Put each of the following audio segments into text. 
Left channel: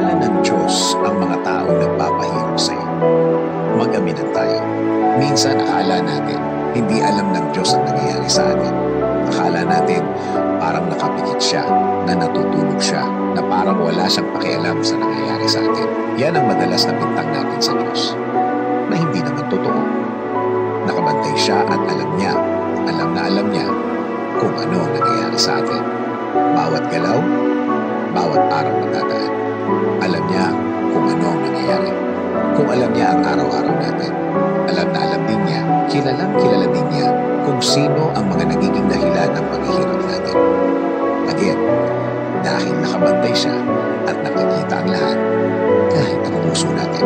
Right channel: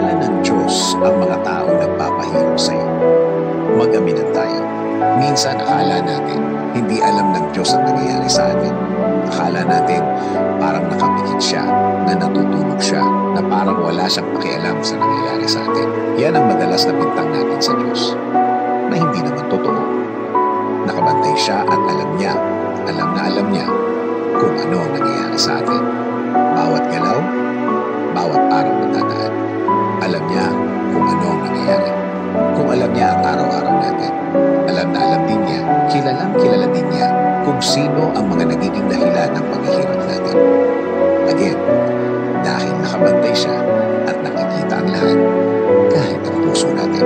kilala ng Diyos ang mga taong nagpapahirap sa iyo. Mag-aminan tayo. Minsan akala natin, hindi alam ng Diyos ang nangyayari sa atin. Akala natin, parang nakapikit siya, na natutulog siya, na parang wala siyang pakialam sa nangyayari sa atin. Yan ang madalas na bintang natin sa Diyos, na hindi naman totoo. Nakabantay siya at alam niya kung ano ang nangyayari sa atin. Bawat galaw, bawat araw na dadaan. Alam niya kung ano ang nangyayari. Kung alam niya ang araw-araw natin, alam na alam din niya, kilalang kilala din niya kung sino ang mga nagiging dahilan ng paghihirap natin. Again, dahil nakabantay siya at nakikita ang lahat, kahit ang puso natin.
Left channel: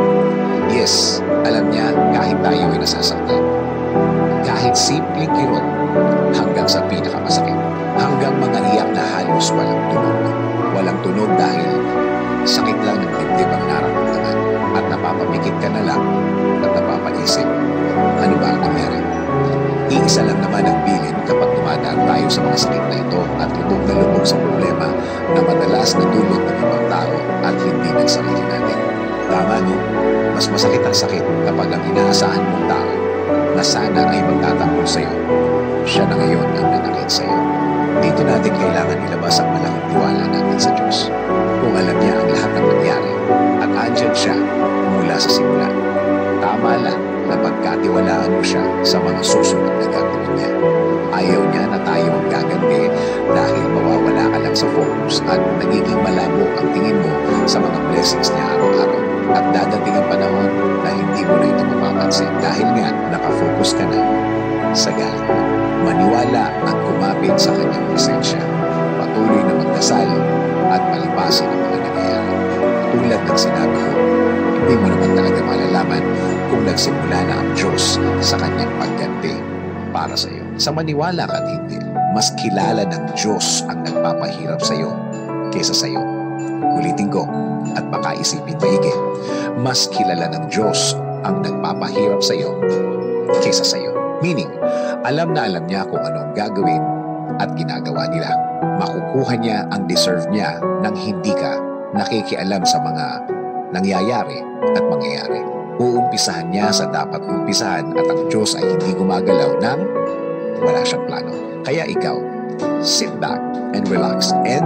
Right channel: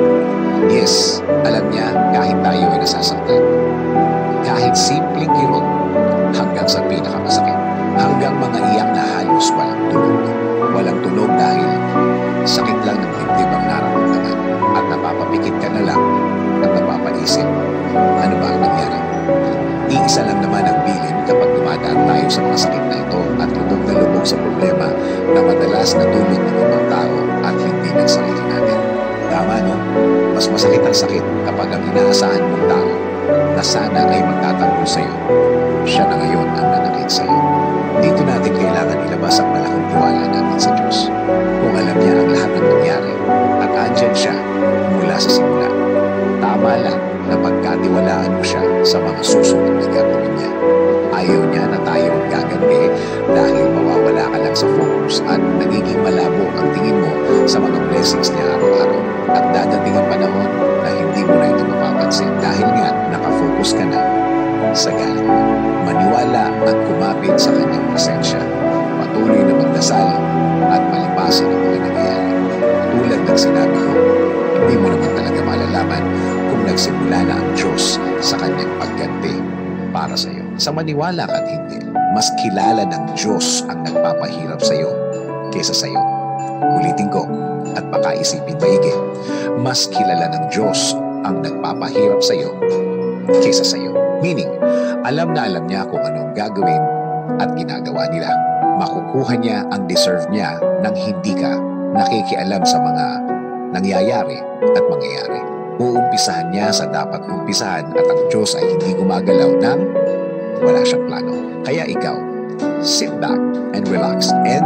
Yes, alam niya kahit tayo ay nasasaktan. Kahit simpleng kirot hanggang sa pinakamasakit. Hanggang mga iyak na halos walang tunog. Walang tunog dahil sakit lang ng dibdib ang nararamdaman. At napapapikit ka na lang at napapaisip, ano ba ang nangyari? Iisa lang naman ang bilin kapag dumadaan tayo sa mga sakit na ito at lubog na lubog sa problema na madalas na dulot ng ibang tao at hindi ng sarili natin. Tama, no? Mas masakit ang sakit kapag ang inaasahan mong tao na sana ay magtatanggol sa iyo, siya na ngayon ang nanakit sa iyo. Dito natin kailangan ilabas ang malaking tiwala natin sa Diyos. Kung alam niya ang lahat ng nangyari at andyan siya mula sa simula, tama lang na pagkatiwalaan mo siya sa mga susunod na gagawin niya. Ayaw niya na tayo ang gaganti dahil mawawala ka lang sa focus at nagiging malabo ang tingin mo sa mga blessings niya araw-araw. At dadating ang panahon na hindi mo na ito mapapansin dahil nga nakafocus ka na sa galing mo. Maniwala at kumapit sa kanyang presensya. Patuloy na magdasal at palipasin ang mga nangyayari. Tulad ng sinabi ko, hindi mo naman talaga malalaman kung nagsimula na ang Diyos sa kanyang pagganti para sa iyo. Sa maniwala ka at hindi, mas kilala ng Diyos ang nagpapahirap sa iyo kaysa sa iyo. Ulitin ko at baka isipin maigi, mas kilala ng Diyos ang nagpapahirap sa iyo kaysa sa iyo. Meaning, alam na alam niya kung anong gagawin at ginagawa nila. Makukuha niya ang deserve niya nang hindi ka nakikialam sa mga nangyayari at mangyayari. Uumpisahan niya sa dapat umpisahan at ang Diyos ay hindi gumagalaw nang wala siyang plano. Kaya ikaw, sit back and relax and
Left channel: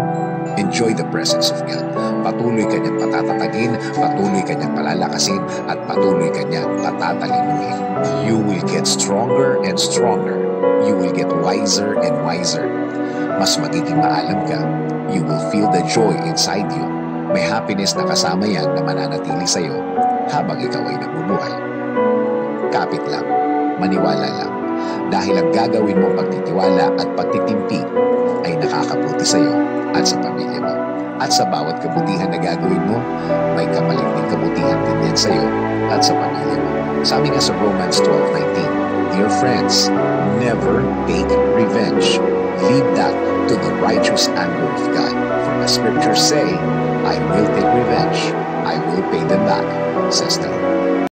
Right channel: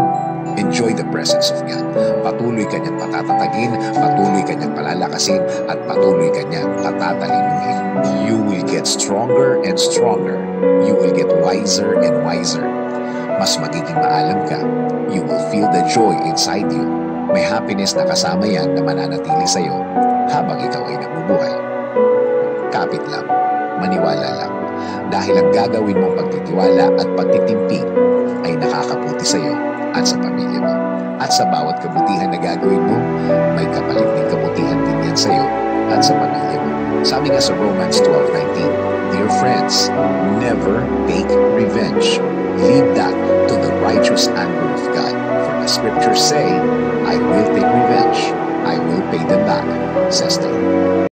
enjoy the presence of God. Patuloy ka niyang patatatagin, patuloy ka niyang palalakasin, at patuloy ka niyang patatalinuhin. You will get stronger and stronger. You will get wiser and wiser. Mas magiging maalam ka. You will feel the joy inside you. May happiness na kasama yan na mananatili sa'yo habang ikaw ay nabubuhay. Kapit lang, maniwala lang. Dahil ang gagawin mong pagtitiwala at pagtitimpi ay nakakabuti sa'yo at sa pamilya mo. At sa bawat kabutihan na gagawin mo, may kapalit ng kabutihan din yan sa'yo at sa pamilya mo. Sabi nga sa Romans 12:19, Dear friends, never take revenge. Leave that to the righteous anger of God. For the scriptures say, I will take revenge. I will pay them back, says the Lord.